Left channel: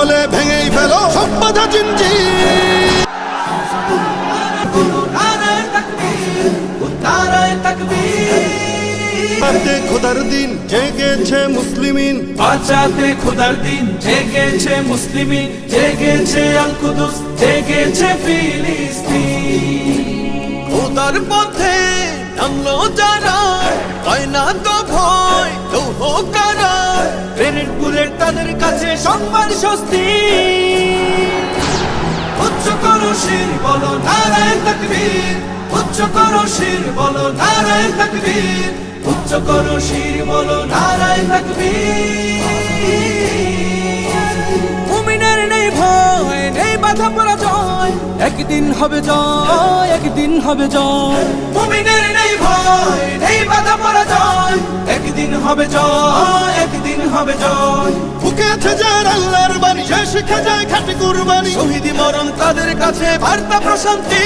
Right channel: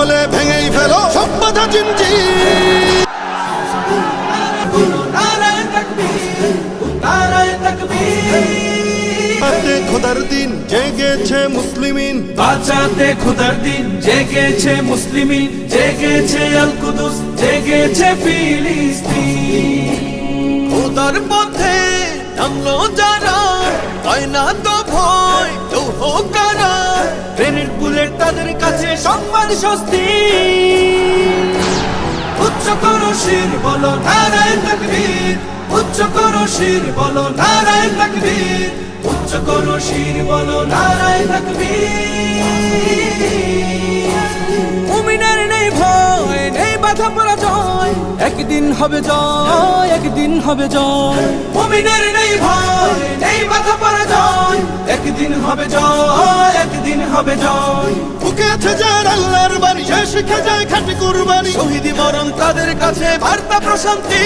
হলে ভেঙেই ফেলো সব বাধা জিঞ্জির। বাঁচাতে খোদার দিন জেগেছে মুসলিমিন, বাঁচাতে খোদার দিন জেগেছে মুসলিমিন, জেগেছে আল কুদুস, জেগেছে ফিলিস্তিন। খোদার পথে নামলো যারা, হয় না তো ভয় লৌহ কারা। গ্রেনেড বুলেট তাদের কাছে সংবাদ স্বস্তি। উচ্চ করো শির বলো নারায়ে তাকবীর, উচ্চ করো শির বলো নারায়ে তাকবীর, উচ্চ করো শির বলো নারায়ে তাকবীর। মুমিনের নেই ভয়, নেই বাধা পরাজয়, একদিন হবে জয়, একদিন হবে জয়। মুমিনের নেই ভয়, নেই বাধা পরাজয়, একদিন হবে জয়, একদিন হবে জয়। বুকে আছে যার আল্লাহর বাণী, সে শিখে যায় খাঁটি কুরবানি। শহীদি মরণ তাদের কাছে বার্তা প্রশান্তি।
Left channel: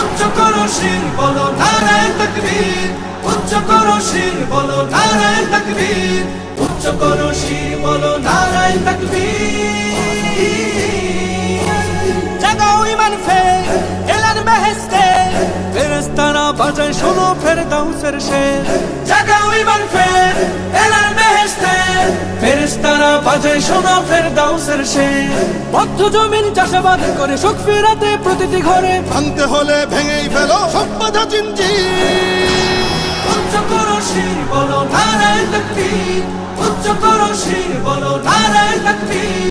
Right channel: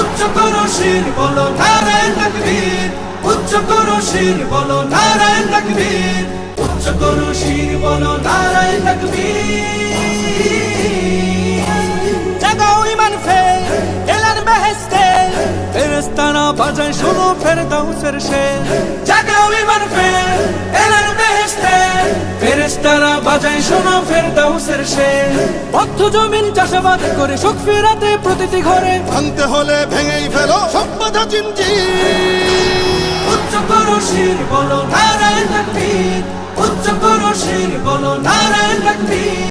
উচ্চ করো শির বলো নারায়ে তাকবীর, উচ্চ করো শির বলো নারায়ে তাকবীর, উচ্চ করো শির বলো নারায়ে তাকবীর। জাগাও ঈমান ফের এলান বেহেশতে, ফেরেশতারা বাজায় শোনো ফেরদাউসের শের। জাগাও ঈমান ফের এলান বেহেশতে, ফেরেশতারা বাজায় শোনো ফেরদাউসের শের। বদ্ধ জমিন চাষাবাদ করে সুখ ফেরাতে প্রতিটি ঘরে, ভাঙতে হলে ভেঙেই ফেলো সব বাধা জিঞ্জির। উচ্চ করো শির বলো নারায়ে তাকবীর, উচ্চ করো শির বলো নারায়ে তাকবীর।